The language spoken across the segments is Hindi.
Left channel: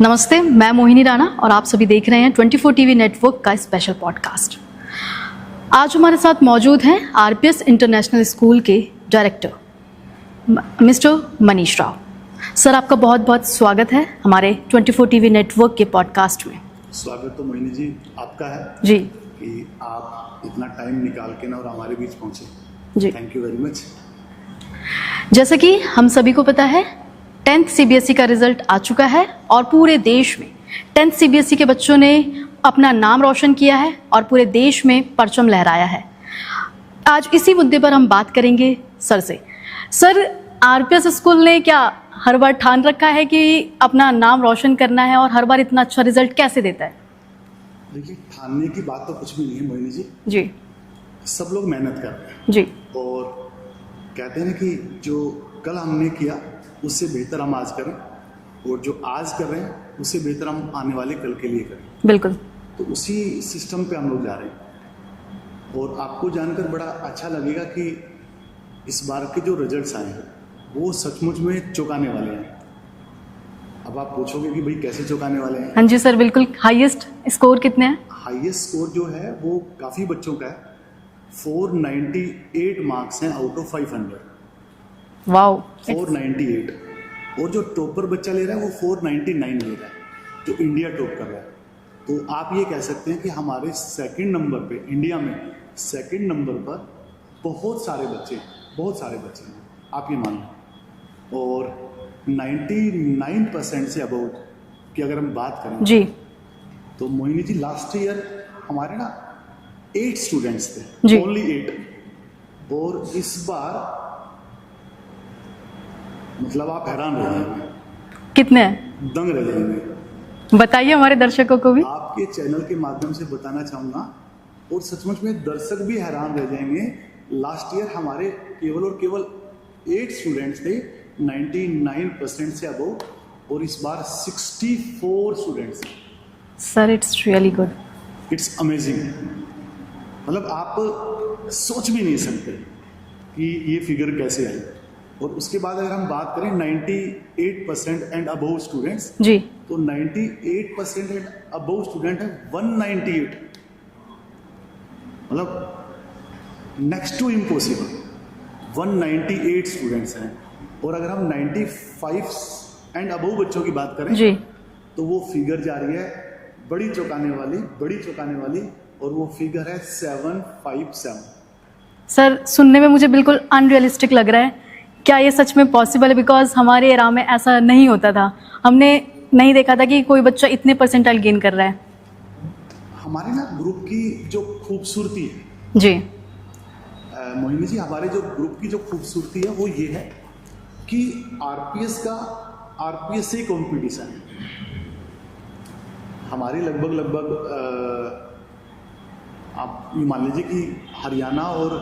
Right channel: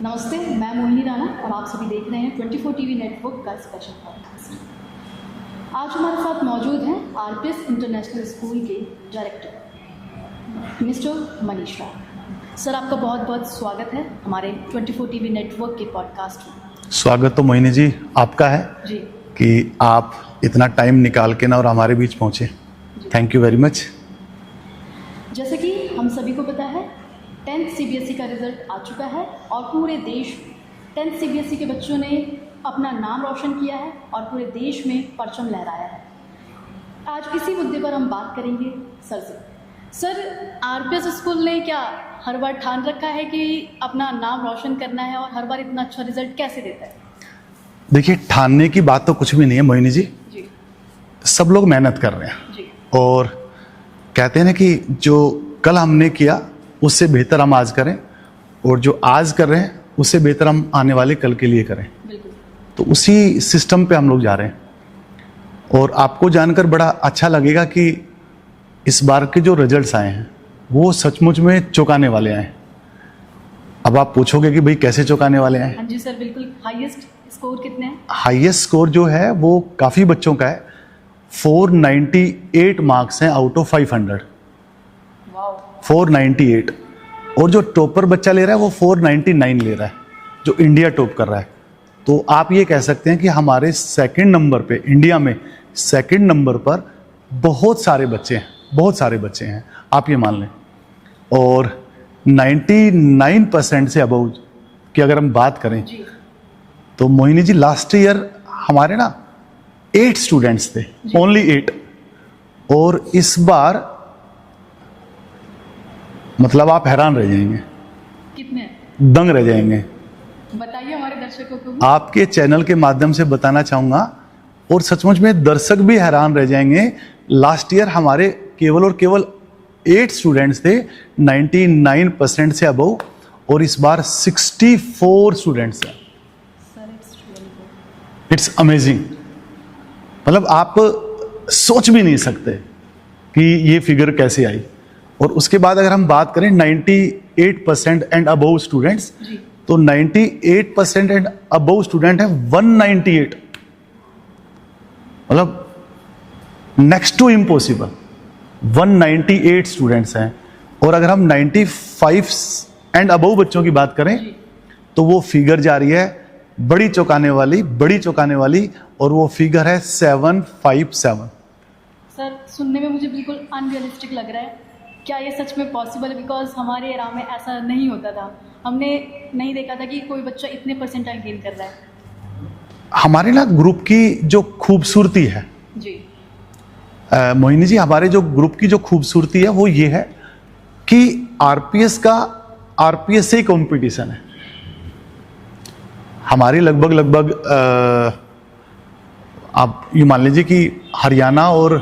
नमस्ते, मैं मोहिनी राणा और आप सभी देख रहे हैं 24 टीवी नेटवर्क का स्पेशल पॉडकास्ट। आज हमारे साथ मौजूद हैं आरपीएस इंटरनेशनल स्कूल के director mister Manish Rao. Sir, आपका बहुत बहुत स्वागत है हमारे 24 टीवी नेटवर्क के पॉडकास्ट में। स्वागत तो मोहिनी जी आपका है जी कि आप इतना टाइम निकाल के ना और हमारे बीच पहुंचे। जी, थैंक यू वेरी मच। जैसे कि हम सभी को पता है 10th सीबीएसई का रिजल्ट आ चुका है और पूरे देश में 10th सीबीएसई के बच्चों ने अपना नाम रोशन किया है और पूरे देश में परचम लहराया है। आज इसी मुद्दे पर हम बात करेंगे सर से। सर, आरपीएस स्कूल ने क्या हर बार ठान रखा है कि अपना नाम रोशन करना है और हर बार इतना अच्छा रिजल्ट कैसे देता है? देखिए, ठानने की बात तो कुछ भी नहीं है मोहिनी जी। जी, सब लोग मेहनत कर रहे हैं जी, और कहते हैं ना कि जो कल हमने किया उससे बेहतर हम आज करें और जो आज कर रहे हैं उससे बेहतर हम आने वाले कल के लिए करें। बिल्कुल। तो उसी सिस्टम पे हम लोग जा रहे हैं और आपको जानकर बड़ा अच्छा लगेगा कि इस बार के जो रिजल्ट्स आए हैं वो सचमुच में चौंकाने वाले आए हैं। अब आप पूछोगे कि भाई कैसे चौंकाने वाले आए हैं? हाँ जी सर, बिल्कुल। हाईएस्ट स्कोर कितने हैं? हाईएस्ट स्कोर जो है वो काफ़ी बच्चों का है। 498 मार्क्स हैं आउट ऑफ 500। वाओ, 498। और जो टॉपर बच्चा ले रहा है वो 499 ले रहा है, जो इंडिया टॉप कर रहा है। तो आप ये कह सकते हैं कि हमारे सेकंड नंबर पे, इंडिया में सेकंड नंबर पर बहुत सारे बच्चे हैं, आप ये मान लें। और 99% से अबव की अगर हम बात करें जी, तो मोहिनी जी लास्ट ईयर हमारे ना 8 स्टूडेंट्स थे, ओनली 8। और इस बार मतलब आप हैरान रह जाएंगे। कितने हैं? दंग रह जाएंगे। बताइए हमारे दर्शकों को भी। आपके चैनल के माध्यम से बताना चाहूंगा और सचमुच में दर्शक भी हैरान रह जाएंगे। लास्ट ईयर हमारे केवल और केवल 8 स्टूडेंट्स थे 99% से अबव, और इस बार 64 स्टूडेंट्स हैं। Sir, it's really good. It's amazing. मतलब आप सोच भी नहीं सकते कि ये फिगर कैसे आई। और उसके बाद अगर हम बात करें 98% एंड अबव स्टूडेंट्स, जी, तो 98% एंड अबव स्टूडेंट है 198। मतलब नेक्स्ट टू इम्पॉसिबल। 198 स्टूडेंट्स हैं। और अगर हम 95 एंड अबव बच्चों की बात करें जी, तो वो फिगर जा रही है बड़ी चौंकाने वाली, और वो फिगर है 757। सर, सुनने में मुझे बिल्कुल अनरियलिस्टिक लग रहा है। क्या ये सच में पॉसिबल है? बिकॉज हमारे एरा में ऐसा नहीं होता था। हमने नहीं देखा था कि कोई बच्चा इतने परसेंटाइल गेन कर रहा है। हमारे ना ग्रुप की जो खूबसूरती है जी, मोहिनी जी, हमारे जो ग्रुप की जो खूबसूरती है वो ये है कि आरपीएस से कंपटीशन है। हमारी लगभग आप ये मान लीजिए कि हरियाणा और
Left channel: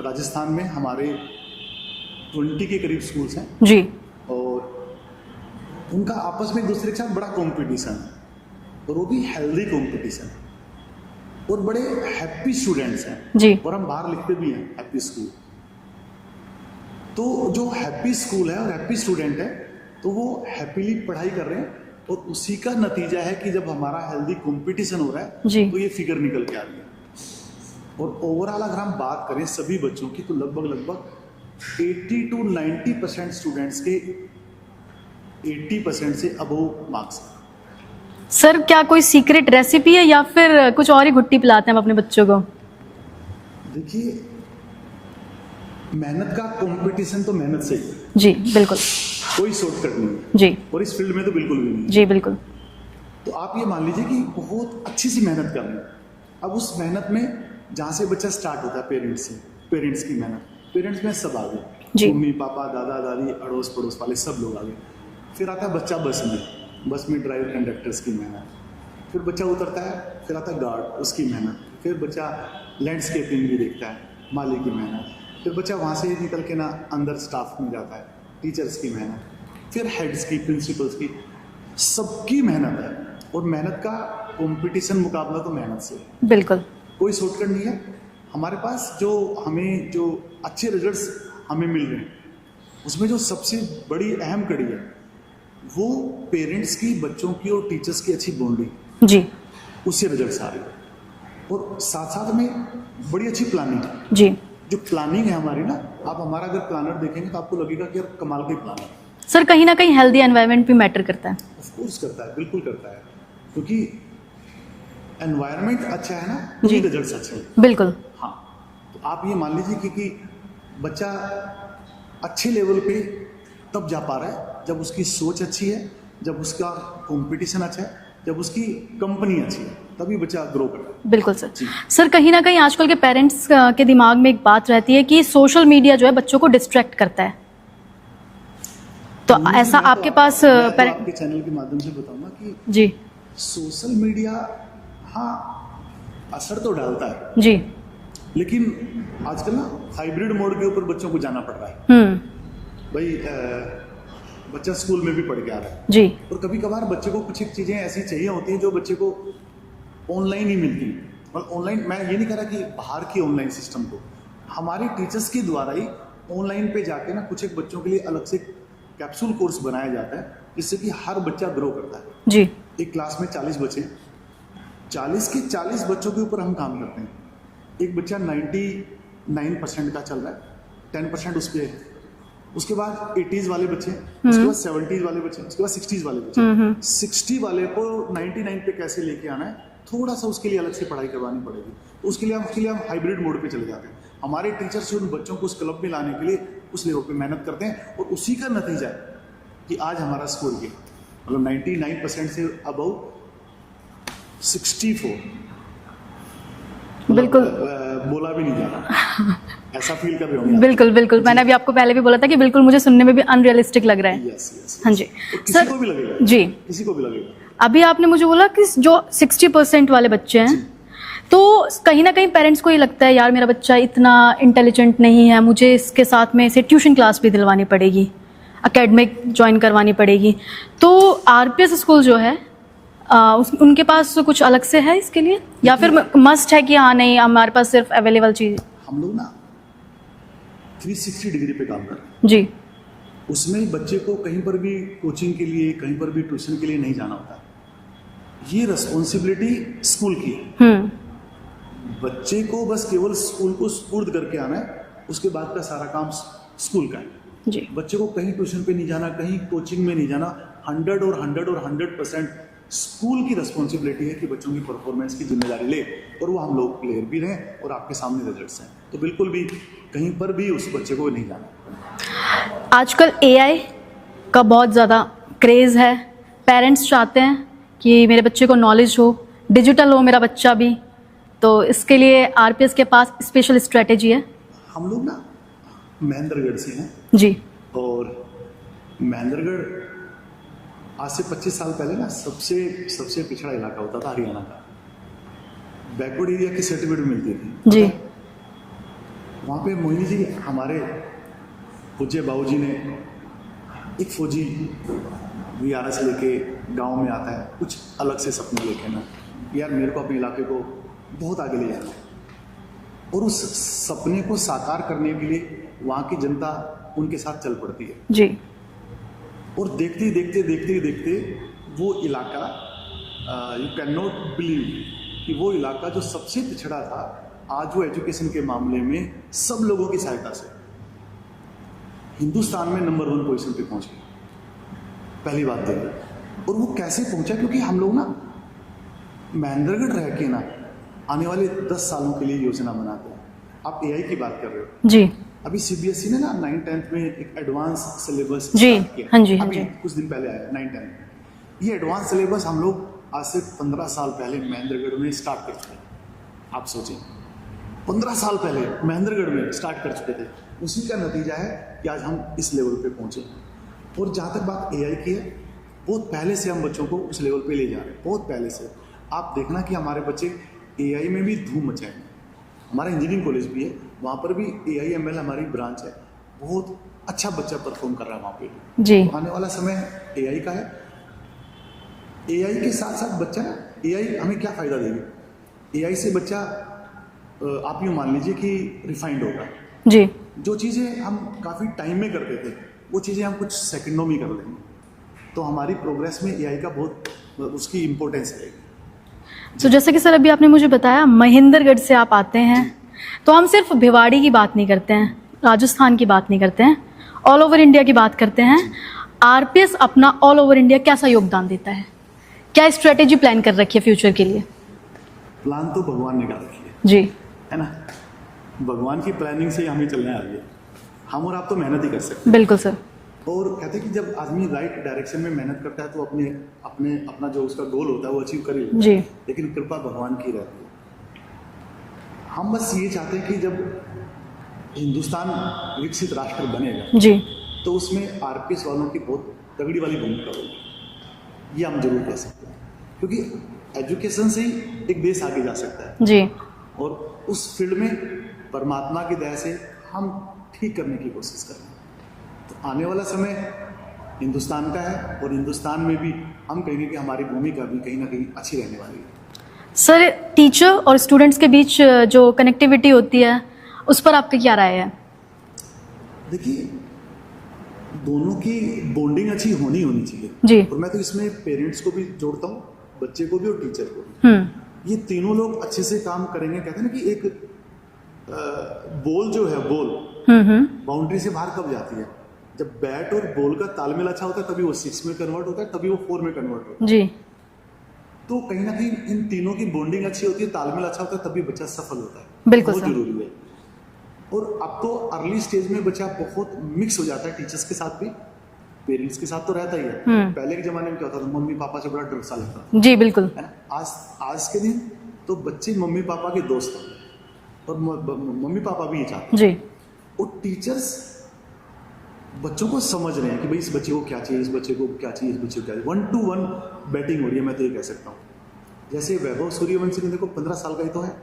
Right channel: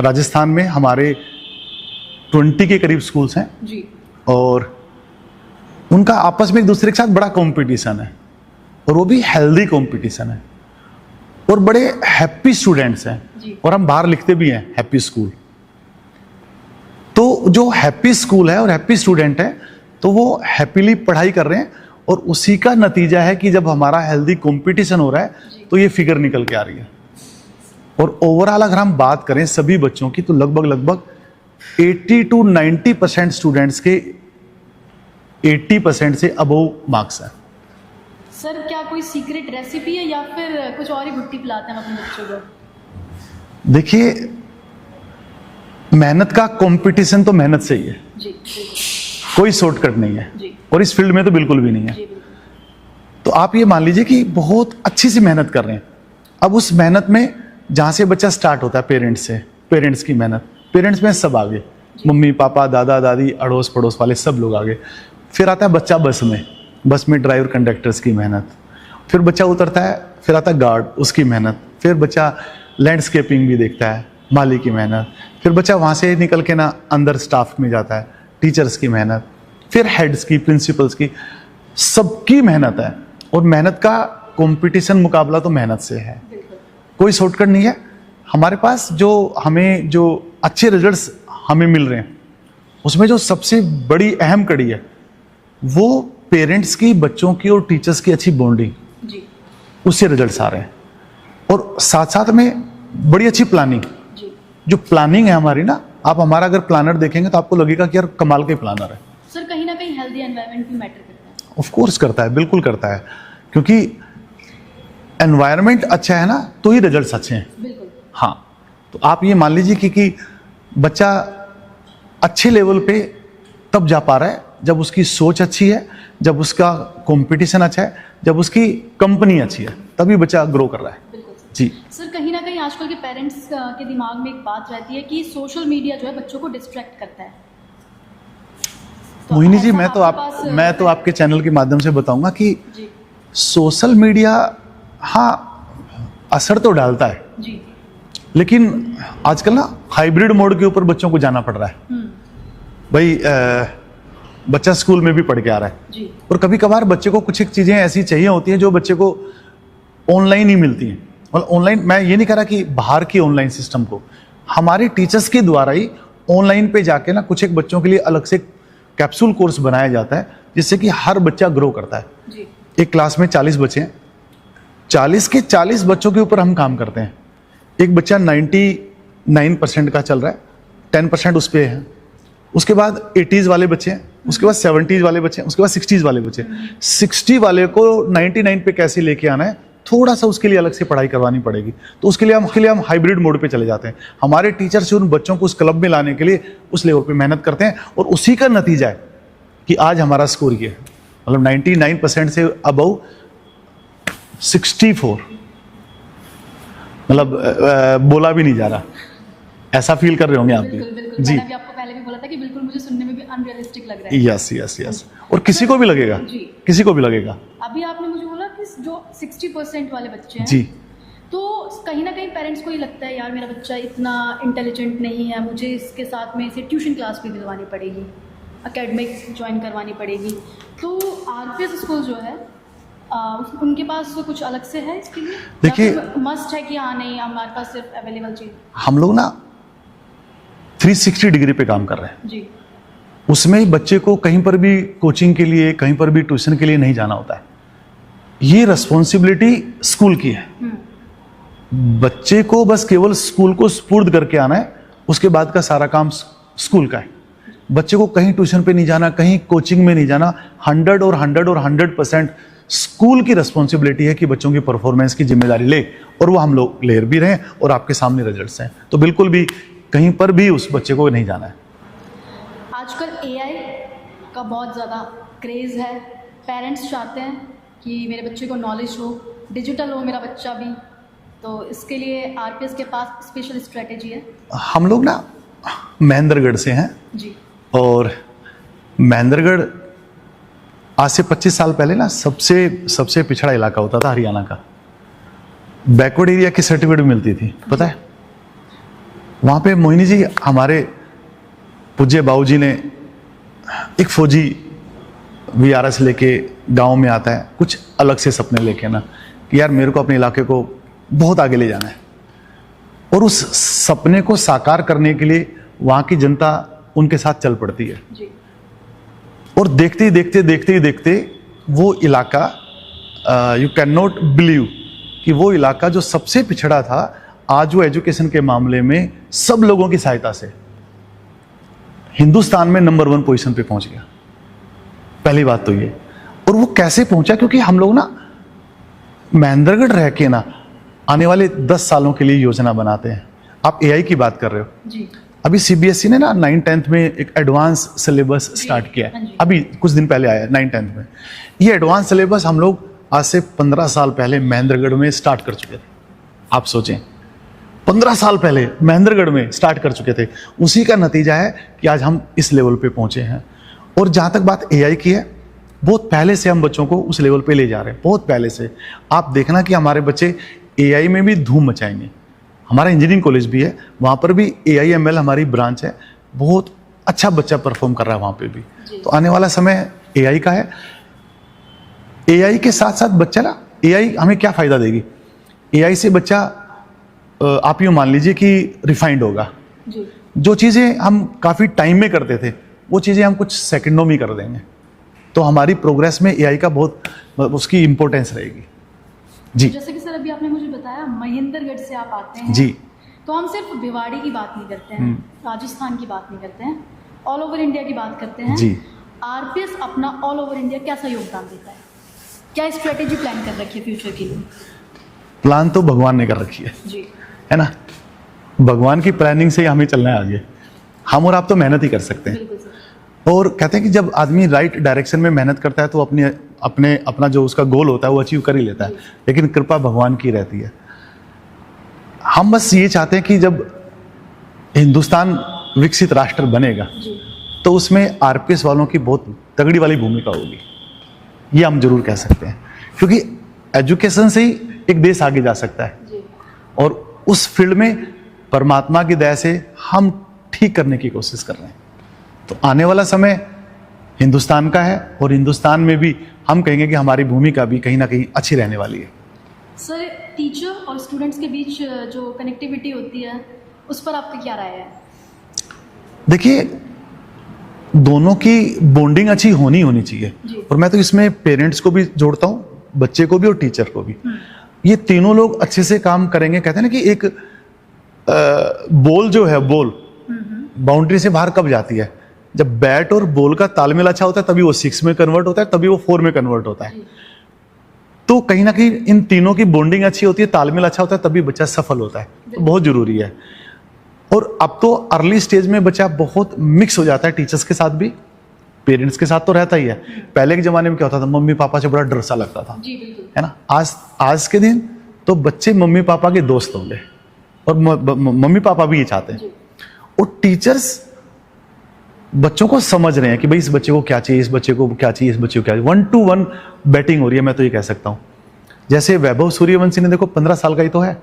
राजस्थान में हमारे 20 के करीब स्कूल्स हैं जी, और उनका आपस में एक दूसरे के साथ बड़ा कंपटीशन है, और वो भी हेल्दी कंपटीशन है, और बड़े हैप्पी स्टूडेंट्स हैं जी। और हम बाहर लिखते भी हैं हैप्पी स्कूल। तो जो हैप्पी स्कूल है और हैप्पी स्टूडेंट है तो वो हैप्पीली पढ़ाई कर रहे हैं, और उसी का नतीजा है कि जब हमारा हेल्दी कंपटीशन हो रहा है तो ये फिगर निकल के आ रही है। और ओवरऑल अगर हम बात करें सभी बच्चों की तो लगभग 80 to 90% स्टूडेंट्स के 80% से अबव मार्क्स हैं। सर, क्या कोई सीक्रेट रेसिपी है या फिर कुछ और ही घुट्टी पिलाते हैं हम अपने बच्चों को? देखिए, मेहनत का कंपटीशन तो मेहनत से ही है जी, बिल्कुल। कोई शॉर्टकट नहीं है जी, और इस फील्ड में तो बिल्कुल भी नहीं है। जी, बिल्कुल। तो आप ये मान लीजिए कि बहुत अच्छी सी मेहनत कर रहे हैं। अब उस मेहनत में जहां से बच्चा स्टार्ट होता है पेरेंट्स की मेहनत, पेरेंट्स में सब आगे, मम्मी पापा दादा दादी अड़ोस पड़ोस वाले सब लोग आगे। फिर आता है बच्चा बस में ड्राइवर कंडक्टर्स की मेहनत, फिर बच्चा उतरता है, फिर आता है गार्ड, उसकी मेहनत, फिर बच्चा लैंडस्केपिंग भी देखता है, माली की मेहनत, फिर बच्चा वहाँ से निकल के ना अंदर स्टाफ में जाता है, टीचर्स की मेहनत, फिर हेड्स की, प्रिंसिपल्स की, सबकी मेहनत है। और मेहनत का कंपटीशन मुकाबला तो मेहनत से है, बिल्कुल। कोई शॉर्टकट नहीं है। हमारे पास हमें जो अच्छे रिजल्ट्स हमें मिल रहे हैं उसमें जो सबसे बड़ी अहम कड़ी है वो पेरेंट्स की, बच्चों की और टीचर्स की अच्छी बॉन्डिंग, जी उससे रिजल्ट्स आ रहे हैं। और साथ साथ में बड़ी अच्छी प्लानिंग, जी। जो प्लानिंग है हमारी ना, आप हमारा अगर प्लानर देखेंगे तो आपको लगेगा कि यार कमाल के प्लानर है। सर कहीं ना कहीं हेल्दी एनवायरनमेंट भी मैटर करता है। ऑफ कोर्स करता है, बिल्कुल करता है, क्योंकि एनवायरनमेंट अच्छा है ना तो ही रिजल्ट्स अच्छे हैं। बिल्कुल। हाँ, तो आप ये मान लीजिए कि बच्चा अच्छे लेवल पे तब जा पा रहा है जब उसकी सोच अच्छी है, जब उसका कंपटीशन अच्छा है, जब उसकी कंपनी अच्छी है, तभी बच्चा ग्रो कर रहा है। बिल्कुल सर। जी। सर कहीं ना कहीं आजकल के पेरेंट्स के दिमाग में एक बात रहती है कि सोशल मीडिया जो है बच्चों को डिस्ट्रैक्ट करता है, तो मोहिनी जी, ऐसा मैं तो आपके पास मैं तो आपके चैनल के माध्यम से बताऊंगा कि जी सोशल मीडिया हाँ असर तो डालता है, जी। लेकिन आजकल ना हाइब्रिड मोड के ऊपर बच्चों को जाना पड़ रहा है। भाई बच्चा स्कूल में भी पढ़ के आ रहा है जी। और कभी कभार बच्चे को कुछ एक चीजें ऐसी चाहिए होती हैं जो बच्चे को ऑनलाइन ही मिलती हैं। मतलब ऑनलाइन, मैं ये नहीं कह रहा कि बाहर की ऑनलाइन सिस्टम को, हमारे टीचर्स के द्वारा ही ऑनलाइन पे जाके ना कुछ एक बच्चों के लिए अलग से कैप्सूल कोर्स बनाया जाता है, जिससे कि हर बच्चा ग्रो करता है। जी। एक क्लास में 40 बच्चे हैं, 40 के 40 बच्चों के ऊपर हम काम करते हैं। एक बच्चा 99% का चल रहा है, 10% उस पे है, उसके बाद 80s वाले बच्चे हैं, उसके बाद 70s वाले बच्चे हैं, उसके बाद 60s वाले बच्चे हैं। 60 वाले को 99 पे कैसे लेके आना है, थोड़ा सा उसके लिए अलग से पढ़ाई करवानी पड़ेगी। तो उसके लिए हम हाइब्रिड मोड पे चले जाते हैं। हमारे टीचर्स उन बच्चों को उस क्लब में लाने के लिए उस लेवल पे मेहनत करते हैं, और उसी का नतीजा है कि आज हमारा स्कोर ये है। मतलब 99% से अबव 64, मतलब बोला भी नहीं जा रहा, ऐसा फील कर रहे होंगे आप। बिल्कुल बिल्कुल, मैंने अभी आपको पहले भी बोला था कि बिल्कुल मुझे सुनने में भी अनरियलिस्टिक लग रहा है। यस यस हाँ यस। जी। और किसी सर, को भी लगेगा जी, किसी को भी लगेगा। अभी आपने मुझे बोला कि जो 60% वाले बच्चे हैं जी, तो कहीं ना कहीं पेरेंट्स को ये लगता है यार मेरा बच्चा इतना इंटेलिजेंट नहीं है, मुझे इसके साथ में इसे ट्यूशन क्लास भी दिलवानी पड़ेगी, एकेडमिक ज्वाइन करवानी पड़ेगी। तो आरपीएस स्कूल जो है उनके पास कुछ अलग से है इसके लिए, या फिर मस्ट है कि हाँ नहीं हमारे पास सिर्फ अवेलेबल चीज? हम लोग ना 360 डिग्री पे काम कर रहे हैं जी। उसमें बच्चे को कहीं पर भी कोचिंग के लिए, कहीं पर भी ट्यूशन के लिए नहीं जाना होता है। ये रिस्पॉन्सिबिलिटी स्कूल की है। बच्चे को बस केवल स्कूल को स्पुर्द करके आना है, उसके बाद का सारा काम स्कूल का है। जी। बच्चे को कहीं ट्यूशन पे नहीं जाना, कहीं कोचिंग में नहीं जाना। 100% स्कूल की रिस्पॉन्सिबिलिटी है कि बच्चों की परफॉर्मेंस की जिम्मेदारी ले, और वो हम लोग ले भी रहे हैं, और आपके सामने रिजल्ट्स हैं। तो बिल्कुल भी कहीं पर भी उस बच्चे को नहीं जाना है। आजकल एआई का बहुत ज़्यादा क्रेज़ है, पेरेंट्स चाहते हैं कि मेरे बच्चे को नॉलेज हो, डिजिटल हो मेरा बच्चा भी, तो इसके लिए आरपीएस के पास स्पेशल स्ट्रेटेजी है। हम लोग ना महेंद्रगढ़ से हैं जी, और महेंद्रगढ़ आज से 25 साल पहले ना सबसे पिछड़ा इलाका होता था हरियाणा का। बैकवर्ड एरिया की सर्टिफिकेट मिलती थी, पता है? वहाँ पे मोहिनी जी, हमारे पूज्य बाबूजी ने, एक फौजी वीआरएस लेके गांव में आता है, कुछ अलग से सपने लेके ना, कि यार मेरे को अपने इलाके को बहुत आगे ले जाना है, और उस सपने को साकार करने के लिए वहाँ की जनता उनके साथ चल पड़ती है जी। और देखते ही देखते वो इलाका, यू कैन नॉट बिलीव कि वो इलाका जो सबसे पिछड़ा था, आज वो एजुकेशन के मामले में सब लोगों की सहायता से हिंदुस्तान में नंबर 1 पोजीशन पे पहुंच गया। पहली बात तो ये। और वो कैसे पहुंचा? क्योंकि हम लोग ना महेंद्रगढ़ रह के ना आने वाले 10 सालों के लिए योजना बनाते हैं। आप एआई की बात कर रहे हो जी। अभी सीबीएसई ने ना 9th-10th में एक एडवांस सिलेबस स्टार्ट किया है। हाँ जी, अभी कुछ दिन पहले आया है 9th-10th में। ये एडवांस सिलेबस हम लोग आज से 15 साल पहले महेंद्रगढ़ में स्टार्ट कर चुके थे। आप सोचें, 15 साल पहले महेंद्रगढ़ में स्टार्ट कर चुके थे। उसी का नतीजा है कि आज हम इस लेवल पे पहुंचे हैं। और जहाँ तक बात एआई की है, बहुत पहले से हम बच्चों को उस लेवल पे ले जा रहे हैं, बहुत पहले से। आप देखना कि हमारे बच्चे एआई में भी धूम मचाएंगे। हमारा इंजीनियरिंग कॉलेज भी है, वहाँ पर भी AIML हमारी ब्रांच है, बहुत अच्छा बच्चा परफॉर्म कर रहा है वहाँ पे भी जी। तो आने वाला समय एआई का है। एआई के साथ साथ बच्चा ना, एआई हमें क्या फ़ायदा देगी? एआई से बच्चा, आप यूँ मान लीजिए कि रिफाइंड होगा जी। जो चीज़ें हम काफ़ी टाइम में करते थे, वो चीज़ें हम कुछ सेकंडों में कर देंगे। तो हमारी प्रोग्रेस में एआई का बहुत उसकी इम्पोर्टेंस रहेगी। तो जैसे कि सर अभी आपने मुझे बताया महेंद्रगढ़ से आप आते हैं जी। तो हम सिर्फ भिवाड़ी की बात नहीं करते हैं, राजस्थान की बात नहीं करते हैं, ऑल ओवर इंडिया की बात करते हैं। जी। आरपीएस अपना ऑल ओवर इंडिया कैसा योगदान देता है, क्या स्ट्रेटेजी प्लान कर रखी है फ्यूचर के लिए? प्लान तो भगवान ने कर रखी है जी, है ना। भगवान की प्लानिंग से ही हमें चलना है आगे। हम और आप तो मेहनत ही कर सकते हैं। बिल्कुल सर। और कहते हैं कि जब आदमी राइट डायरेक्शन में मेहनत करता है तो अपना जो उसका गोल होता है वो अचीव कर ही लेता है, लेकिन कृपा भगवान की रहती है। हम बस ये चाहते हैं कि जब हिंदुस्तान विकसित राष्ट्र बनेगा जी, तो उसमें आरपीएस वालों की बहुत तगड़ी वाली भूमिका होगी, ये हम जरूर कह सकते हैं, क्योंकि एजुकेशन से ही एक देश आगे जा सकता है जी। और उस फील्ड में परमात्मा की दया से हम ठीक करने की कोशिश कर रहे हैं। तो आने वाला समय हिंदुस्तान का है और हिंदुस्तान में भी हम कहेंगे कि हमारी भूमिका भी कहीं ना कहीं अच्छी रहने वाली है। सर टीचर और स्टूडेंट्स के बीच जो कनेक्टिविटी होती है उस पर आपका क्या राय है? देखिए, दोनों की बॉन्डिंग अच्छी होनी चाहिए जी। और मैं तो इसमें पेरेंट्स को भी जोड़ता हूँ, बच्चे को भी और टीचर को भी। ये तीनों लोग अच्छे से काम करेंगे। कहते हैं ना कि एक बॉल जो है, बॉल बाउंड्री से बाहर कब जाती है? जब बैट और बॉल का तालमेल अच्छा होता है तभी वो 6 में कन्वर्ट होता है, तभी वो 4 में कन्वर्ट होता है। जी। तो कहीं ना कहीं इन तीनों की बॉन्डिंग अच्छी होती है, तालमेल अच्छा होता है, तभी बच्चा सफल होता है। बहुत जरूरी है। और अब तो अर्ली स्टेज में बच्चा बहुत मिक्स हो जाता है, टीचर्स के साथ भी, पेरेंट्स के साथ तो रहता ही है। पहले के जमाने में क्या होता था, मम्मी पापा से बड़ा डर सा लगता था। जी बिल्कुल, है ना। आज के दिन तो बच्चे मम्मी पापा के दोस्त होंगे और मम्मी पापा भी ये चाहते हैं। जी। और टीचर्स बच्चों को समझ रहे हैं कि भाई इस बच्चे को क्या चाहिए, इस बच्चे को क्या चाहिए, इस बच्चे को क्या चाहिए। 1-to-1 बैटिंग हो रही है, मैं तो ये कह सकता हूँ। जैसे वैभव सूर्यवंशी ने देखो 15 साल का ही तो है,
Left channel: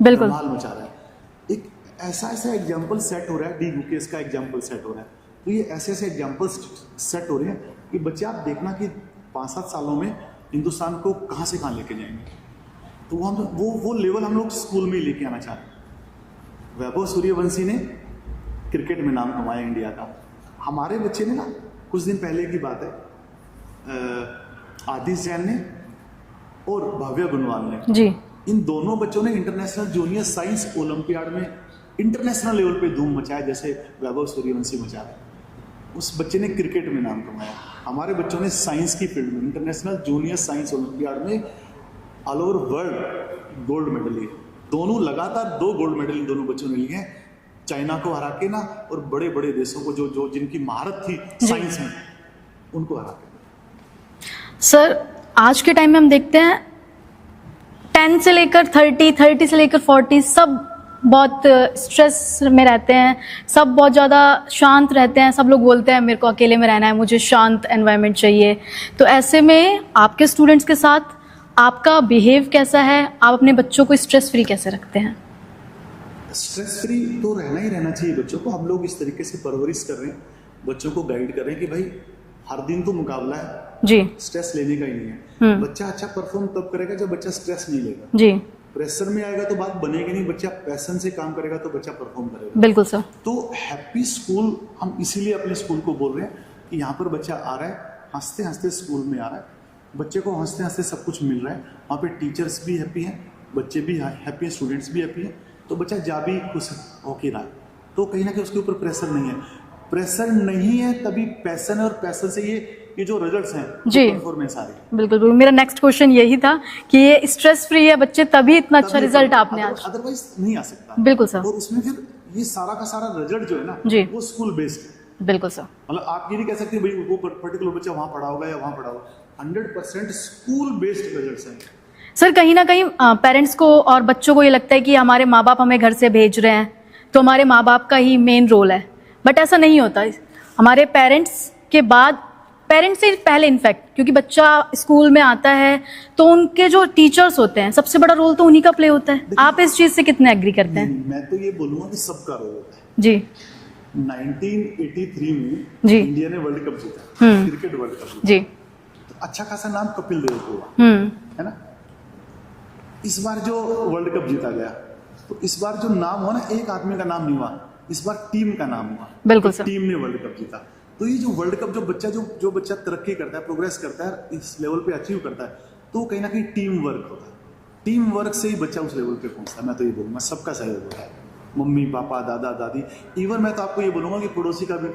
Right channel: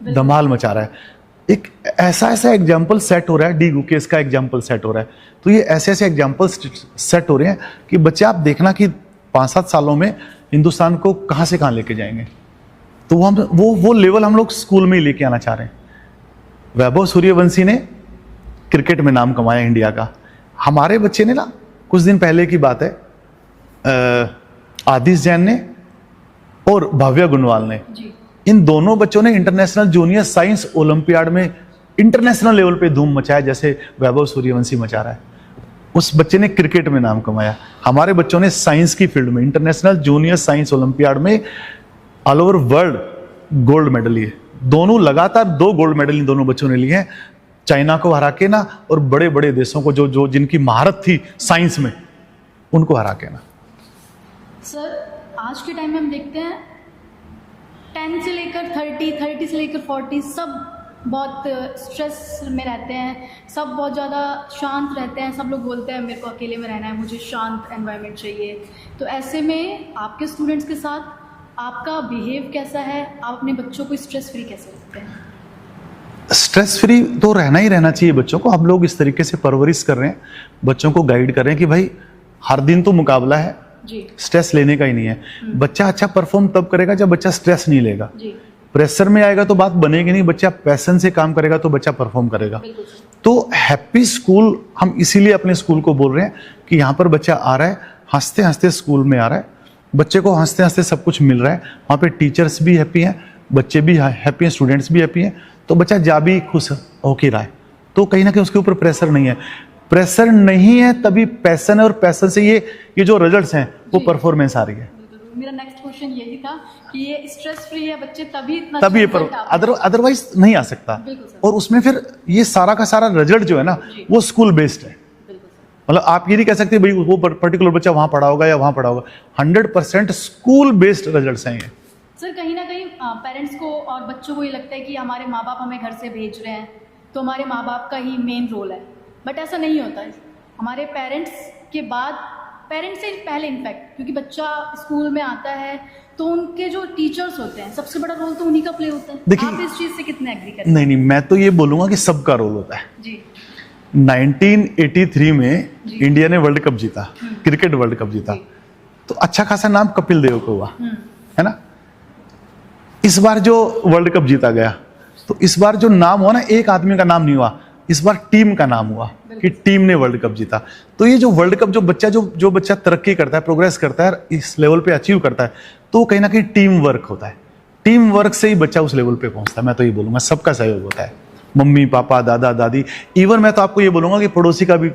धमाल मचा रहा है। एक ऐसा एग्जाम्पल सेट हो रहा है, डी गुकेश का एग्जाम्पल सेट हो रहा है। तो ये ऐसे एग्जाम्पल सेट हो रहे हैं कि बच्चे आप देखना कि 5-7 सालों में हिंदुस्तान को कहाँ से कहाँ लेके जाएंगे। तो वो लेवल हम लोग स्कूल में ही लेके आना चाह रहे हैं। वैभव सूर्यवंशी ने क्रिकेट में नाम कमाया इंडिया का। हमारे बच्चे ने ना, कुछ दिन पहले की बात है, आदिश जैन ने और भव्य गुणवाल ने जी, इन दोनों बच्चों ने इंटरनेशनल जूनियर साइंस ओलंपियाड में इंटरनेशनल लेवल पे धूम मचाया, जैसे वैभव सूर्यवंशी मचा रहा है। उस बच्चे ने क्रिकेट में नाम कमाया। हमारे बच्चों ने साइंस की फील्ड में इंटरनेशनल जूनियर साइंस ओलंपियाड में all over world gold medal लिए। दोनों लगातार 2 गोल्ड मेडल इन दोनों बच्चों ने लिए हैं, चाइना को हरा के ना, और बड़े बड़े देशों को जो जिनकी महारत थी साइंस में, उनको हरा के ना। सर आज के टाइम में हम देखते हैं 10 से लेकर 30 से लेकर 40 सब बहुत स्ट्रेस में रहते हैं, सब बहुत ज़्यादा शांत रहते हैं। सब लोग बोलते हैं मेरे को अकेले में रहना है, मुझे शांत एनवायरनमेंट चाहिए। तो ऐसे में आपके स्टूडेंट्स के साथ आपका बिहेव कैसा है? आप अपने बच्चों को स्ट्रेस फ्री कैसे रखते हैं? स्ट्रेस फ्री तो रहना ही रहना चाहिए बच्चों को। हम लोग इस तरीके से परवरिश कर रहे हैं, बच्चों को गाइड कर रहे हैं कि भाई हर दिन तो मुकाबला है जी, स्ट्रेस लेने का ही नहीं है। बच्चा अच्छा परफॉर्म तब करेगा जब बच्चा स्ट्रेस नहीं लेगा जी। प्रेशर में आएगा तो बात बनेगी नहीं। बच्चा पैशन से काम करेगा तो बच्चा परफॉर्म करेगा। बिल्कुल सर। तो हैप्पी स्कूल हम इसीलिए अपने स्कूल को बोल रहे हैं कि यहाँ पर बच्चा आ रहा है, हंसते हंसते स्कूल में आ रहा है, बच्चे को हंसते हंसते सब कुछ मिल रहा है। वहाँ पे टीचर्स भी हैप्पी हैं, बच्चे भी हैप्पी हैं, स्टूडेंट्स भी हैप्पी हैं, तो बच्चा जा भी खुश होके रहा है। तो कहीं ना कहीं उसके ऊपर प्रेशर नहीं है। प्रेशर नहीं है तभी पैशन है, और पैशन से ये जो रिजल्ट्स हैं वो परफॉर्मेंस आ रही है। बिल्कुल बिल्कुल, मेरा नेक्स्ट क्वेश्चन यही था कि ये स्ट्रेस फ्री है बच्चे तभी इतना अच्छा रिजल्ट आपने अदरवाइज नहीं आ सकता। बिल्कुल सर। और उसमें फिर ये सारा का सारा रिजल्ट जो है ना वो स्कूल बेस्ड है। बिल्कुल सर। मतलब आप ये नहीं कह सकते भाई वो पर्टिकुलर बच्चा वहां पढ़ा होगा या वहां पढ़ा होगा। 100% स्कूल बेस्ड रिजल्ट्स हैं ये। सर कहीं ना कहीं पेरेंट्स को और बच्चों को ये लगता है कि हमारे माँ बाप हमें घर से भेज रहे हैं तो हमारे माँ बाप का ही मेन रोल है, बट ऐसा नहीं होता। हमारे पेरेंट्स के बाद, पेरेंट्स से पहले इनफैक्ट, क्योंकि बच्चा स्कूल में आता है तो उनके जो टीचर्स होते हैं सबसे बड़ा रोल तो उन्हीं का प्ले होता है। आप इस चीज से कितने एग्री करते हैं? नहीं, मैं तो ये बोलूंगा कि सबका रोल होता है जी। 1983 में इंडिया ने वर्ल्ड कप जीता, क्रिकेट वर्ल्ड कप जीता जी। तो अच्छा खासा नाम कपिल देव को हुआ, है ना। इस बार जो वर्ल्ड कप जीता गया तो इस बार जो नाम हुआ ना, एक आदमी का नाम नहीं हुआ, इस बार टीम का नाम हुआ बिल्कुल कि सर। टीम ने वर्ल्ड कप जीता। तो ये जो वर्ल्ड कप जो बच्चा तरक्की करता है, प्रोग्रेस करता है, इस लेवल पे अचीव करता है, तो कहीं ना कहीं टीम वर्क होता है। टीम वर्क से ही बच्चा उस लेवल पे पहुंचता है। मैं तो ये बोलूंगा सबका सहयोग होता है, मम्मी पापा दादा दादी, इवन मैं तो आपको ये बोलूंगा कि पड़ोसी का भी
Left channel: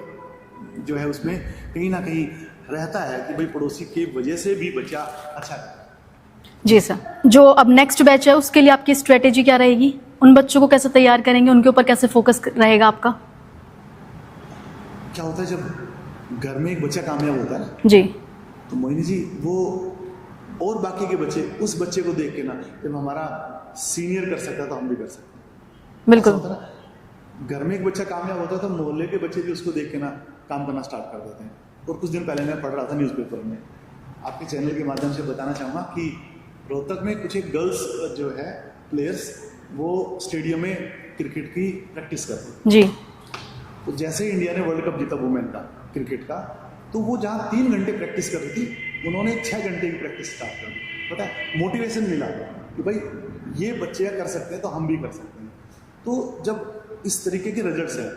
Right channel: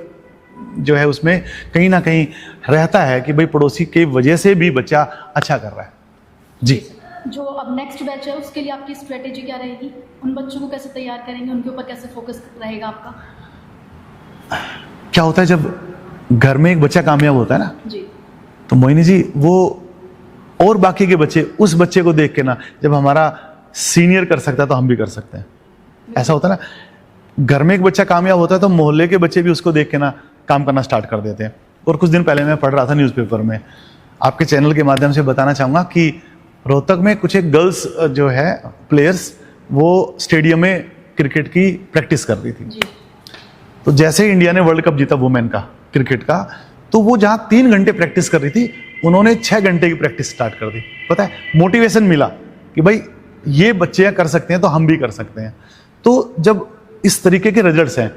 जो है उसमें कहीं ना कहीं रहता है कि भाई पड़ोसी की वजह से भी बच्चा अच्छा कर रहा है। जी सर। जो अब नेक्स्ट बैच है उसके लिए आपकी स्ट्रेटेजी क्या रहेगी? उन बच्चों को कैसे तैयार करेंगे, उनके ऊपर कैसे फोकस रहेगा आपका? क्या होता है जब घर में एक बच्चा कामयाब होता है ना, जी, तो मोहिनी जी वो और बाकी के बच्चे उस बच्चे को देख के ना, जब हमारा सीनियर कर सकता है तो हम भी कर सकते हैं। ऐसा बिल्कुल। होता है ना, घर में एक बच्चा कामयाब होता है तो मोहल्ले के बच्चे भी उसको देख के ना काम करना स्टार्ट कर देते हैं। और कुछ दिन पहले मैं पढ़ रहा था न्यूज़पेपर में, आपके चैनल के माध्यम से बताना चाहूँगा कि रोहतक में कुछ एक गर्ल्स जो है प्लेयर्स, वो स्टेडियम में क्रिकेट की प्रैक्टिस कर रही थी। जी, तो जैसे ही इंडिया ने वर्ल्ड कप जीता वुमेन का क्रिकेट का, तो वो जहाँ 3 घंटे प्रैक्टिस कर रही थी, उन्होंने 6 घंटे की प्रैक्टिस स्टार्ट कर दी। पता है, मोटिवेशन मिला कि भाई ये बच्चे कर सकते हैं तो हम भी कर सकते हैं। तो जब इस तरीके के रिजल्ट्स हैं,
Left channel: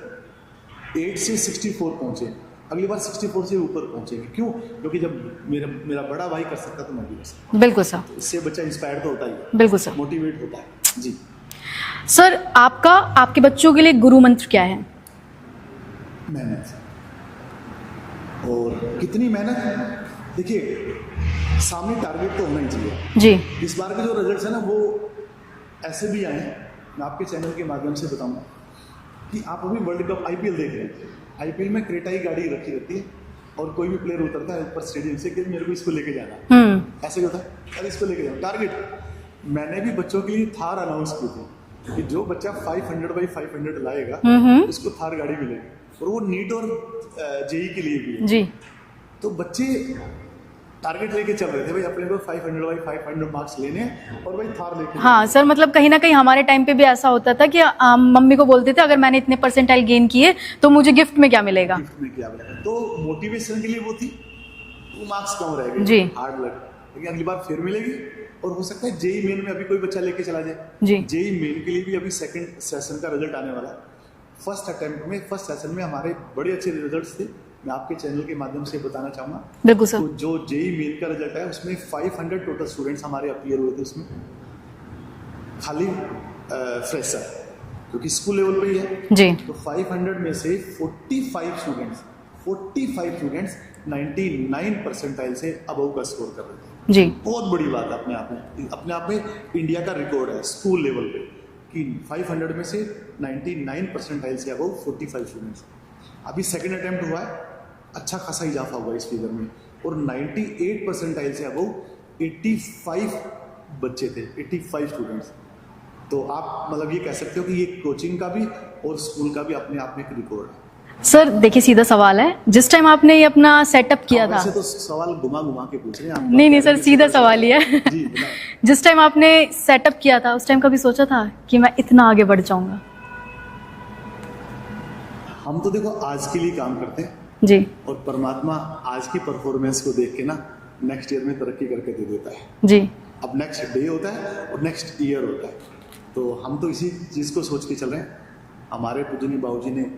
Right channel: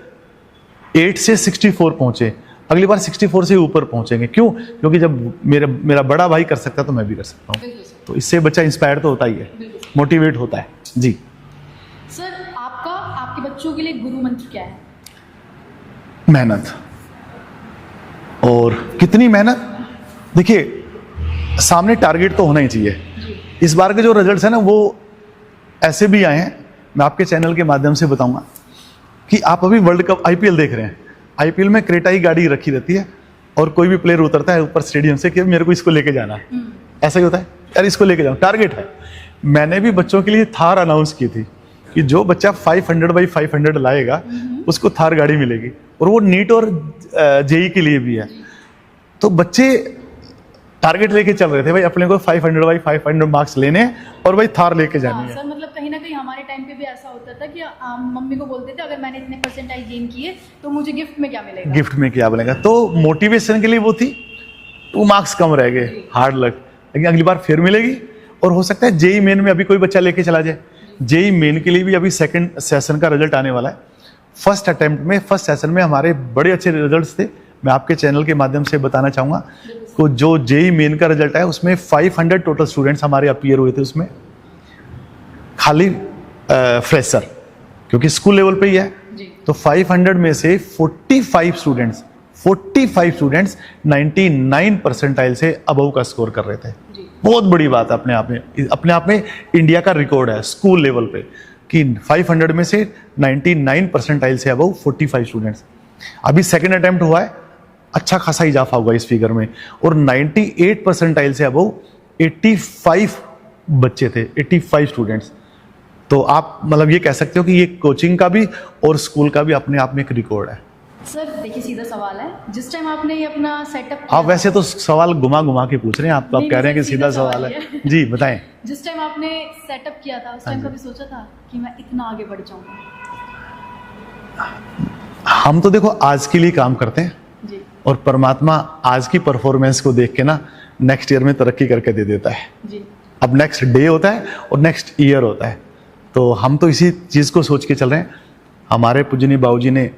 8 से 64 पहुंचे, अगली बार 64 से ऊपर पहुंचेंगे। क्यों? क्योंकि जब मेरा बड़ा भाई कर सकता है तो मैं भी कर सकता हूँ। बिल्कुल सर। तो इससे बच्चा इंस्पायर तो होता ही है, बिल्कुल सर। मोटिवेट होता है। जी सर, आपके बच्चों के लिए गुरु मंत्र क्या है? मेहनत। और कितनी मेहनत? देखिए, सामने टारगेट तो होना ही चाहिए। जी, इस बार के जो रिजल्ट्स हैं ना, वो ऐसे भी आए हैं, मैं आपके चैनल के माध्यम से बताऊंगा कि आप अभी वर्ल्ड कप आईपीएल देख रहे हैं, आईपीएल में क्रेटा ही गाड़ी रखी रहती है और कोई भी प्लेयर उतरता है ऊपर स्टेडियम से कि मेरे को इसको लेके जाना है। ऐसा ही होता है, यार इसको लेके जाओ, टारगेट है। मैंने भी बच्चों के लिए थार अनाउंस की थी कि जो बच्चा 500x500 लाएगा उसको थार गाड़ी मिलेगी, और वो नीट और जेई के लिए भी है। जी, तो बच्चे टारगेट लेके चल रहे थे, भाई अपने को 500x500 मार्क्स लेने हैं और भाई थार लेके जाना हाँ है। सर, मतलब कहीं ना कहीं हमारे टाइम पे भी ऐसा होता था कि मम्मी को बोलते थे अगर मैंने इतने परसेंटाइल गेन किए तो मुझे गिफ्ट में क्या मिलेगा। गिफ्ट में क्या बनेगा, तो मोटिवेशन के लिए वो थी। 2 मार्क्स कम रह जी। गए, हार्ड लक, लेकिन अगली बार फिर मिलेगी। और हो सकता है जेई मेन में अभी कोई बच्चा लेके चला जाए। जी। जेई मेन के लिए भी अभी सेकंड सेशन का रिजल्ट आने वाला है। फर्स्ट सेशन में हमारे बड़े अच्छे रिजल्ट्स थे, मैं आपके चैनल के माध्यम से बताना चाहूंगा। बिल्कुल सर। तो जो जेई मेन का रिजल्ट है उसमें 500 टोटल स्टूडेंट्स हमारे अपीयर हुए थे उसमें, खाली फ्रेशर, क्योंकि स्कूल लेवल पे ही है। जी, तो 500 में से 45 स्टूडेंट्स 99 परसेंटाइल से अबव का स्कोर कर रहे थे। जी, बहुत बड़ी बात है अपने आप में इंडिया का रिकॉर्ड है स्कूल लेवल पे कि 500 में से 99 परसेंटाइल से अबव 45 स्टूडेंट्स। अभी सेकंड अटेम्प्ट हुआ है, अच्छा खासा इजाफा हुआ इस फिगर में, और 98 परसेंटाइल से अबव 85 बच्चे थे, 85 स्टूडेंट्स। तो आप मतलब ये कह सकते हो कि ये कोचिंग का भी और स्कूल का भी अपने आप में एक रिकॉर्ड है। सर देखिए, सीधा सवाल है, जिस टाइम आपने ये अपना सेटअप किया आप वैसे था, तो सवाल घुमा घुमा के पूछ रहे हैं, आप तो नहीं, कह नहीं रहे हैं सर, कि सीधा सवाल ही है। है। जी बताएं। जिस टाइम आपने सेटअप किया था उस टाइम कभी सोचा था कि मैं इतना आगे बढ़ जाऊंगा? हम तो देखो आज के लिए काम करते हैं, जी, और परमात्मा आज की परफॉर्मेंस को देख के ना नेक्स्ट ईयर में तरक्की करके दे देता है। जी, अब नेक्स्ट डे होता है और नेक्स्ट ईयर होता है, तो हम तो इसी चीज़ को सोच के चल रहे हैं। हमारे पूजनीय बाबूजी ने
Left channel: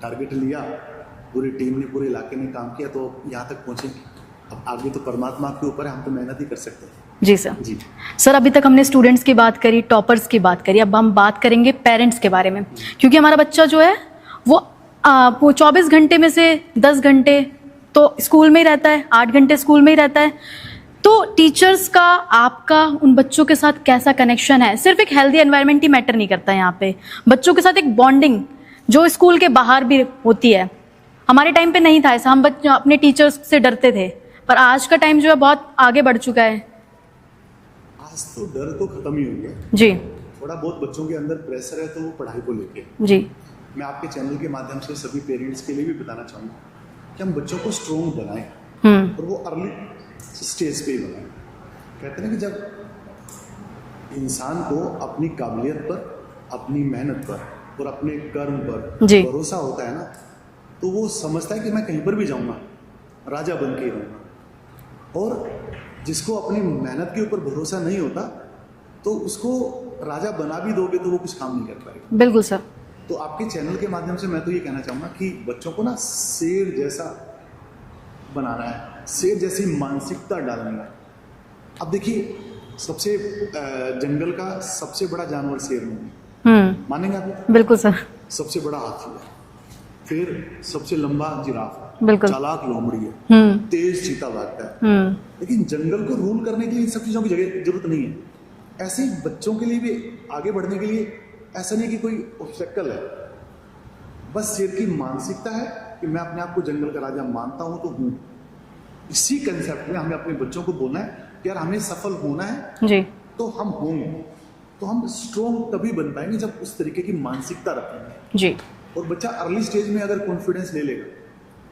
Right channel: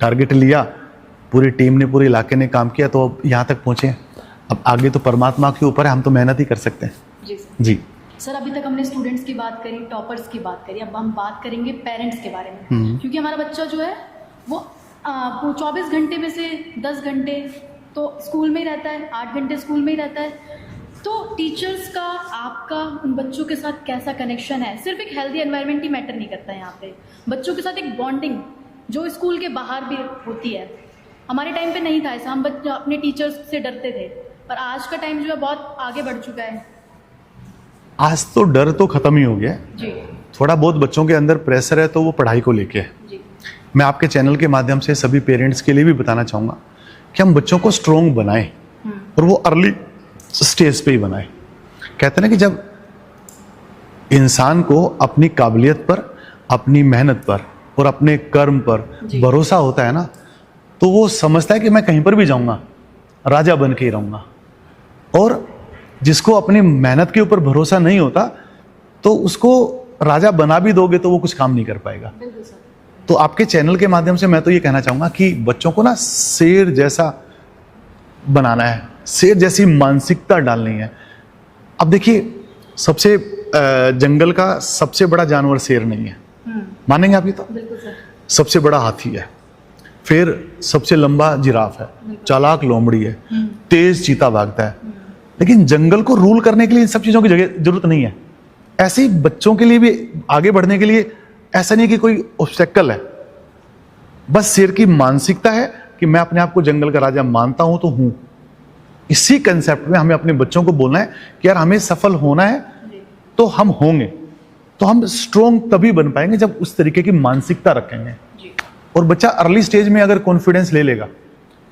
टारगेट लिया, पूरी टीम ने, पूरे इलाके ने काम किया, तो अब यहाँ तक पहुँचे। अब आगे तो परमात्मा के ऊपर है, हम तो मेहनत ही कर सकते हैं। जी सर। जी सर, अभी तक हमने स्टूडेंट्स की बात करी, टॉपर्स की बात करी, अब हम बात करेंगे पेरेंट्स के बारे में। क्योंकि हमारा बच्चा जो है वो 24 घंटे में से 10 घंटे तो स्कूल में ही रहता है, 8 घंटे स्कूल में ही रहता है। तो टीचर्स का, आपका उन बच्चों के साथ कैसा कनेक्शन है? सिर्फ एक हेल्दी एनवायरनमेंट ही मैटर नहीं करता है यहाँ पे, बच्चों के साथ एक बॉन्डिंग जो स्कूल के बाहर भी होती है। हमारे टाइम पे नहीं था ऐसा, हम बच्चे अपने टीचर्स से डरते थे, पर आज का टाइम जो है बहुत आगे बढ़ चुका है। आज तो डर तो खत्म ही हो गया। जी, थोड़ा बहुत बच्चों के अंदर प्रेशर है तो वो पढ़ाई को लेके है। जी, मैं आपके चैनल के माध्यम से सभी पेरेंट्स के लिए भी बताना चाहूँगा कि हम बच्चों को स्ट्रोंग बनाएं, और वो अर्ली स्टेज पे ही बनाएं। कहते हैं ना कि जब इंसान को अपनी काबिलियत पर, अपनी मेहनत पर और अपने कर्म पर जी। भरोसा होता है ना, तो वो समझता है कि मैं कहीं पर भी जाऊँगा राजा बन के ही रहूँगा। और जिसको अपनी मेहनत के ऊपर भरोसा नहीं होता, तो उसको राजा बना भी दोगे तो वो कुछ काम नहीं कर पाएगा। बिल्कुल सर। तो आपके चैनल के माध्यम से मैं तो ये कहना चाहूँगा कि बच्चों को ना शेर जैसा बनाना है, शेर जैसी मानसिकता डालनी है। अब देखिए, सबसे जंगल का सबसे बड़ा जानवर शेर नहीं है, मानेंगे आप ये? तो बिल्कुल सर। सबसे बड़ा हाथी है, फिर सबसे लंबा जिराफ है, चालाक लोमड़ी है, तेज चीता भागता है। लेकिन जंगल को रूल करने के लिए इन सब चीजों की जरूरत नहीं है। ऐसे ही बच्चों के लिए भी आगे बढ़ने के लिए ऐसा नहीं कि कोई ऑब्स्टेकल है, बस शेर की मानसिकता है कि मैं अपने आप को जंगल का राजा मानता हूं तो हूं। इसी कंसेप्ट में हमें अपने बच्चों को बोलना है कि यार हमें सफल होना है जी। तो हम होंगे, तो हम स्ट्रोंग तभी बन पाएंगे जब उस तरीके की मानसिकता रखेंगे जी। और बच्चा अर्ली स्टेज में अगर कॉन्फिडेंस ले लेगा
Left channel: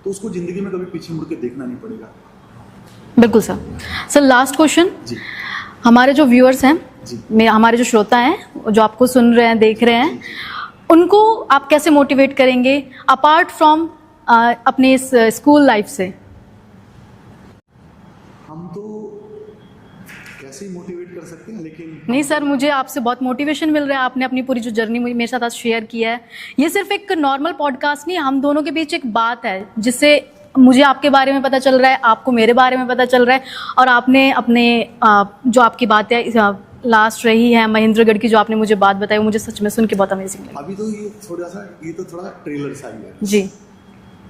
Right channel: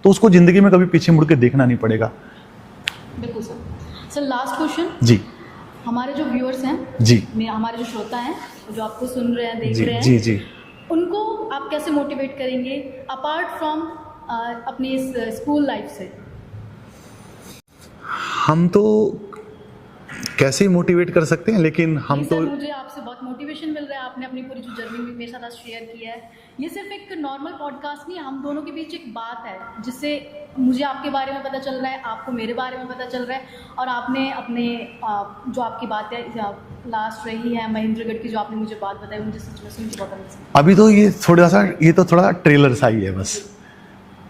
तो उसको जिंदगी में कभी पीछे मुड़ के देखना नहीं पड़ेगा। बिल्कुल सर। सर लास्ट क्वेश्चन जी, हमारे जो व्यूअर्स हैं जी, हमारे जो श्रोता हैं, जो आपको सुन रहे हैं, देख रहे हैं जी, जी, उनको आप कैसे मोटिवेट करेंगे अपार्ट फ्रॉम अपने इस स्कूल लाइफ से? हम तो कैसे मोटिवेट कर सकते हैं, लेकिन हम नहीं सर, मुझे आपसे बहुत मोटिवेशन मिल रहा है। आपने अपनी पूरी जो जर्नी मेरे साथ आज शेयर किया है। ये सिर्फ एक नॉर्मल पॉडकास्ट नहीं, हम दोनों के बीच एक बात है जिससे मुझे आपके बारे में पता चल रहा है, आपको मेरे बारे में पता चल रहा है, और आपने अपने जो आपकी बातें लास्ट रही है महेंद्रगढ़ की, जो आपने मुझे बात बताई, मुझे सच में सुन के बहुत अमेजिंग। अभी तो ये थोड़ा सा ट्रेलर सा ही है बस जी।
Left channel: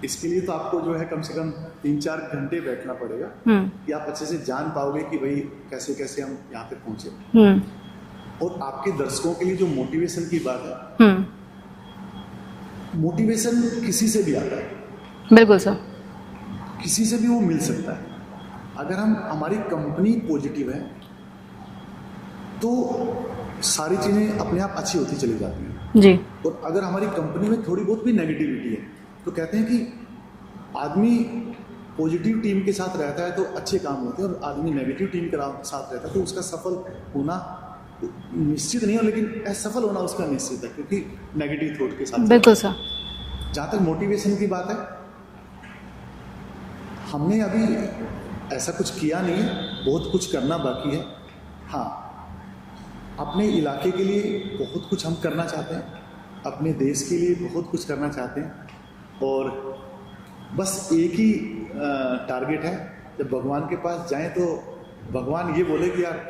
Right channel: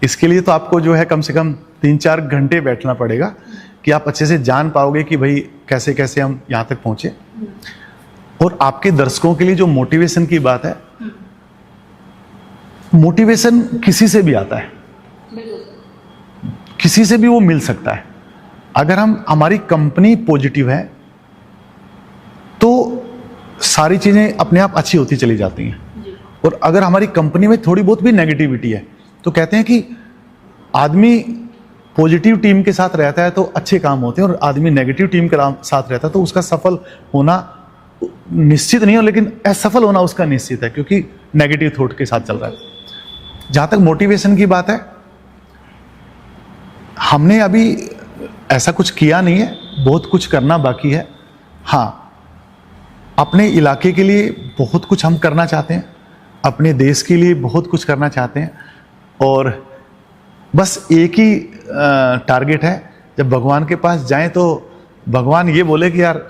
इसके लिए तो आपको जो है कम से कम 3-4 घंटे बैठना पड़ेगा कि आप अच्छे से जान पाओगे कि भाई कैसे कैसे हम यहाँ तक पहुंचे। और आपके दर्शकों के लिए जो मोटिवेशन की बात है, मोटिवेशन किसी से भी आता है। बिल्कुल सर, किसी से भी वो मिल सकता है। अगर हमारी कंपनी पॉजिटिव है तो सारी चीजें अपने आप अच्छी होती चली जाती हैं जी। और अगर हमारी कंपनी में थोड़ी बहुत भी नेगेटिविटी है तो कहते हैं कि आदमी पॉजिटिव टीम के साथ रहता है तो अच्छे काम होते हैं, और आदमी नेगेटिव टीम के साथ रहता है तो उसका सफल होना निश्चित नहीं हो, लेकिन असफल होना उसका निश्चित है, क्योंकि नेगेटिव थॉट के साथ चल रहा है। जहां तक मोटिवेशन की बात है, हमने अभी ऐसा कुछ किया नहीं है, बहुत कुछ करना बाकी है। हाँ, अपने इलाके के लिए बहुत कुछ हम करना चाहते हैं, अपने देश के लिए बहुत कुछ करना चाहते हैं, और बस एक ही टारगेट है, जब भगवान के पास जाएं तो भगवान ये बोले कि यार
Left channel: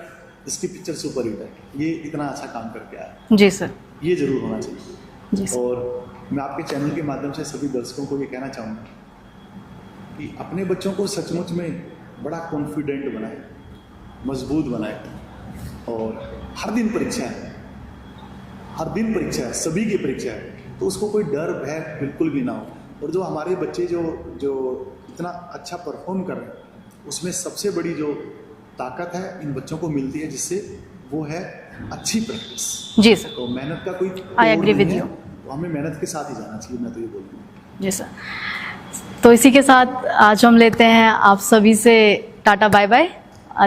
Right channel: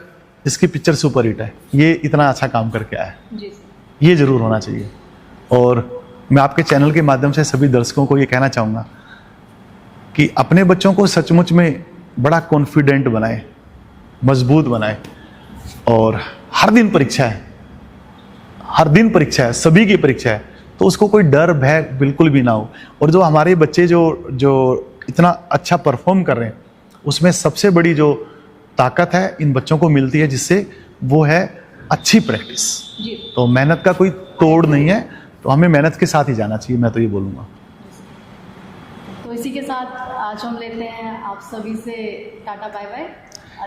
इसकी पिक्चर सुपर हिट है, ये इतना अच्छा काम करके आया है। जी सर, ये जरूर होना चाहिए जी सर। और मैं आपके चैनल के माध्यम से सभी दर्शकों को ये कहना चाहूँगा कि अपने बच्चों को सचमुच में बड़ा कॉन्फिडेंट बनाए, मजबूत बनाए। और हर दिन परीक्षा है, हर दिन परीक्षा है, सभी की परीक्षा है, तो उसको कोई डर भय बिल्कुल भी ना हो। और जो हमारे बच्चे जो इतना अच्छा परफॉर्म कर रहे हैं, उसमें सबसे बड़ी जो ताकत है इन बच्चों को मिलती है, जिससे वो है अच्छी प्रैक्टिस जी सर। तो मेहनत का कोई तोड़ नहीं है, तो हमें मेहनत के साथ ही जाना चाहिए, मैं तो ये बोलूँगा जी सर। तो इसी के साथ आज हम लेते हैं आप सभी से टाटा बाय बाय।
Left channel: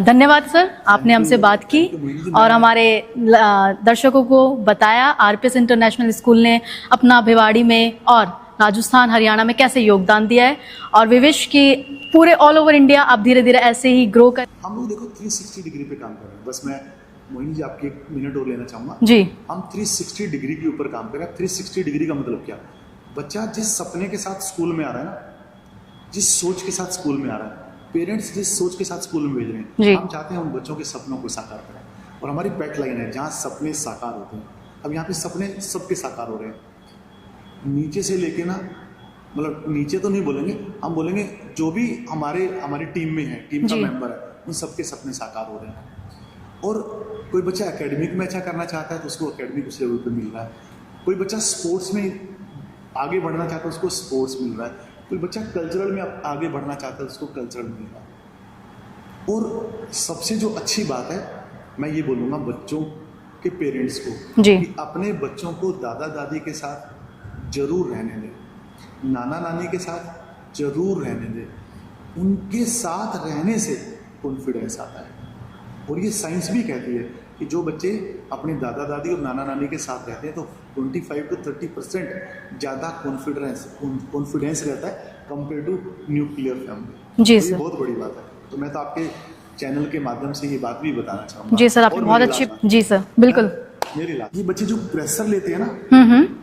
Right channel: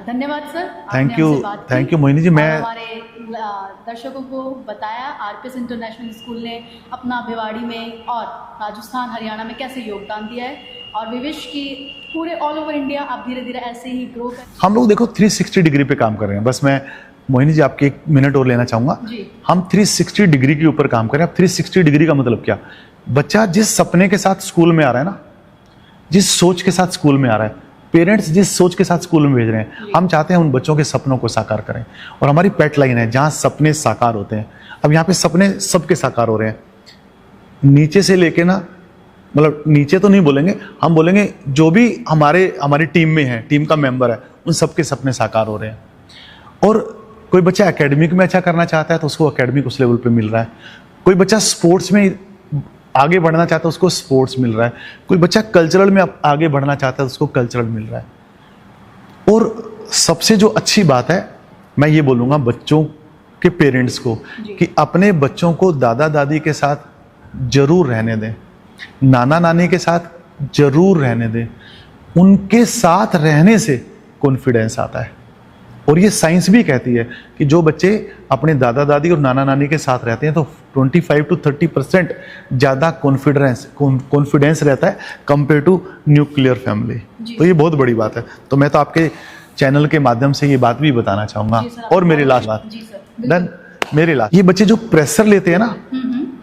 धन्यवाद सर, आपने हमसे बात की। Thank you Mohini ji. और हमारे दर्शकों को बताया आरपीएस इंटरनेशनल स्कूल ने अपना भिवाड़ी में और राजस्थान हरियाणा में कैसे योगदान दिया है, और वी विश कि पूरे ऑल ओवर इंडिया आप धीरे धीरे ऐसे ही ग्रो कर। हम लोग देखो 360 डिग्री पे काम कर रहे हैं। बस मैं मोहिनी जी आपके 1 मिनट और लेना चाहूंगा जी। हम 360 डिग्री के ऊपर काम कर रहे हैं। अब 360 डिग्री का मतलब क्या? बच्चा जिस सपने के साथ स्कूल में आ रहा है ना, जिस सोच के साथ स्कूल में आ रहा है, पेरेंट्स जिस सोच के साथ स्कूल में भेज रहे हैं, हम चाहते हैं उन बच्चों के सपनों को साकार करें। और हमारी पेट लाइन है जहां सपने साकार होते हैं। अब यहाँ पे सपने सबके साकार हो रहे हैं, नीचे से लेके ना, मतलब नीचे तो नहीं बोलेंगे, हम बोलेंगे जो भी हमारी टीम में है, टीम का मेंबर है, उन सबके सपने साकार हो रहे हैं। और कोई बच्चा एकेडमिक में अच्छा करना चाहता है तो उसको एकेडमिक उस लेवल पे मिल रहा है। कोई बच्चा स्पोर्ट्स में आगे बढ़ना चाहता है उसको स्पोर्ट्स मिल रहा है। कोई बच्चा कल्चरल में आगे बढ़ना चाहता है उसको कल्चरल मिल रहा है। और सबसे जो अच्छी बात है, मैं ये बोलूँगा बच्चों के पेरेंट्स को कि अपने बच्चों को दादा दादी के साथ जरूर रहने दें, नाना नानी के साथ जरूर रहने दें। उनके साथ रहने से कॉन्फिडेंस आता है। और ये साइंस भी कहती है कि जो बच्चे अपने दादा दादी और नाना नानी के साथ रहते हैं तो 25 to 30% ज़्यादा कॉन्फिडेंस रहता है कंपेयर टू न्यूक्लियर फैमिली। तो ये बहुत बड़ी बात है। तो मैं तो आपके चैनल के माध्यम से ये बात भी बताना चाहूँगा। और मेरी लास्ट बात जी सर, बिल्कुल मेरे इलाके ये बच्चे जो प्रेशर लेते हैं ना,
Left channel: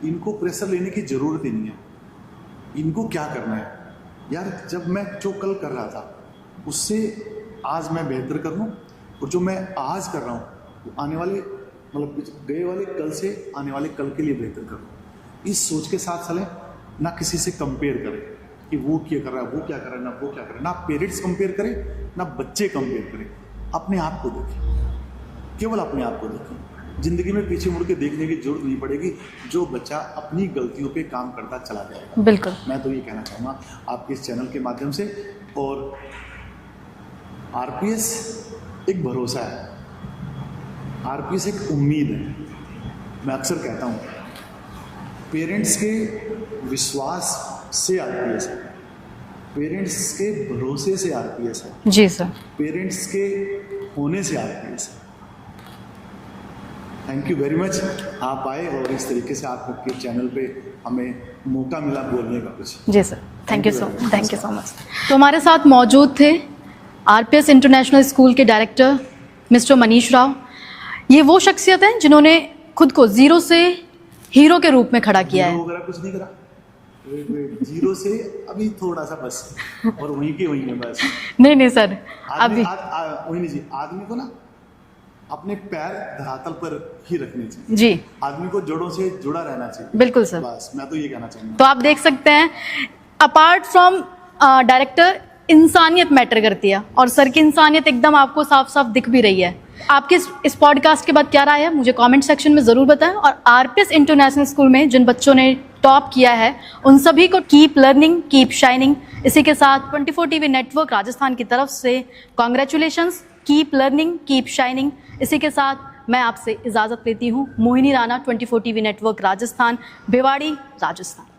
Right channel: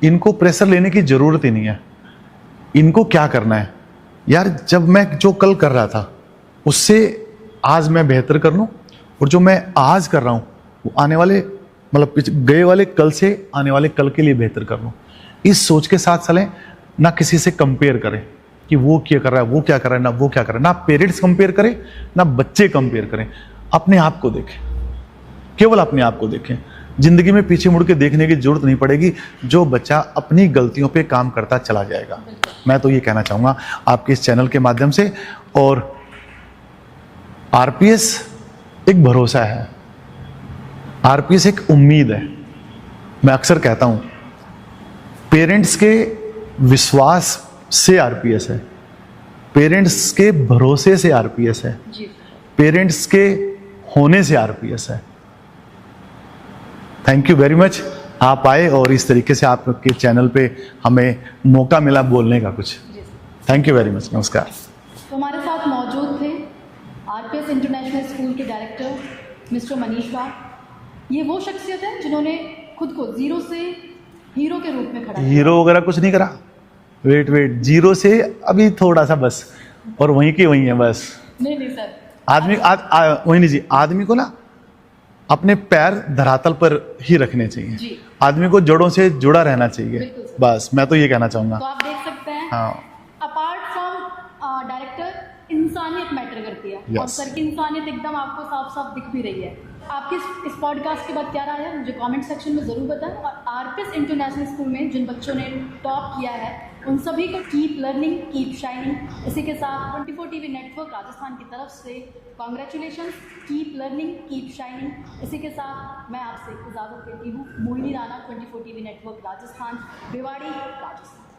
इनको प्रेशर लेने की जरूरत ही नहीं है। इनको क्या करना है यार, जब मैं जो कल कर रहा था उससे आज मैं बेहतर कर लूं, और जो मैं आज कर रहा हूं वो आने वाले मतलब गए वाले कल से आने वाले कल के लिए बेहतर कर लूं। इस सोच के साथ चलें, ना किसी से कंपेयर करें कि वो क्या कर रहा है, वो क्या कर रहा है, ना वो क्या कर रहा है, ना पेरेंट्स कंपेयर करें, ना बच्चे कंपेयर करें। अपने आप को देखें, केवल अपने आप को देखें। जिंदगी में पीछे मुड़ के देखने की जरूरत नहीं पड़ेगी। जो बच्चा अपनी गलतियों पे काम करता चला जाएगा। बिल्कुल, मैं तो ये कहना चाहूंगा आपके इस चैनल के माध्यम से। और आरपीएस एक भरोसा है, आरपीएस एक उम्मीद है। मैं अक्सर कहता हूं पेरेंट्स के विश्वास से आरपीएस है, पेरेंट्स के भरोसे से आरपीएस है, जी सर, पेरेंट्स के होने से आरपीएस है। थैंक यू वेरी मच, आप आए और इस तरीके से आपके चैनल पे हमें मौका मिला बोलने का कुछ। जी sir, thank you very much. Thank you so much. तो हमारे साथ मौजूद थे आरपीएस इंटरनेशनल स्कूल के डायरेक्टर मिस्टर मनीष राव। ये वो शख्सियत हैं जिन्होंने खुद को जीरो से हीरो के रूप में खड़ा किया हीरो है। वगैरह कुछ नहीं करा, वेट जीरो से अभी थोड़ा सा बस, और वहीं के वहीं है बस। नहीं सर, आदमी वही नहीं जी, आदमी को ना अपने पैर धरातल पर ही रखने चाहिए जी, आदमी को जड़ों से जुड़ा रहना चाहिए। बिल्कुल सर, बस मैं तो ये कहना चाहूंगा। तो आप देख सकते हैं हाँ। अपार्ट फ्रॉम डायरेक्टर इंसानियत मैटर करती है। और सर की इंसानियत एकदम आपको साफ साफ दिख भी रही है। आपके इस पॉडकास्ट के बाद क्या राय है मुझे कमेंट सेक्शन में ज़रूर बताएं। और आरपीएस इंटरनेशनल स्कूल में जिन बच्चों ने टॉप किया है उन सभी को कीप लर्निंग कीप शाइनिंग। इसी के साथ 24 टीवी नेटवर्क राजस्थान की तरफ से congratulations, keep learning keep shining. इसी के साथ मैं आपसे इजाज़त लेती हूँ। Mohini Rana, 24 TV network Rajasthan, Bhiwadi, Rajasthan.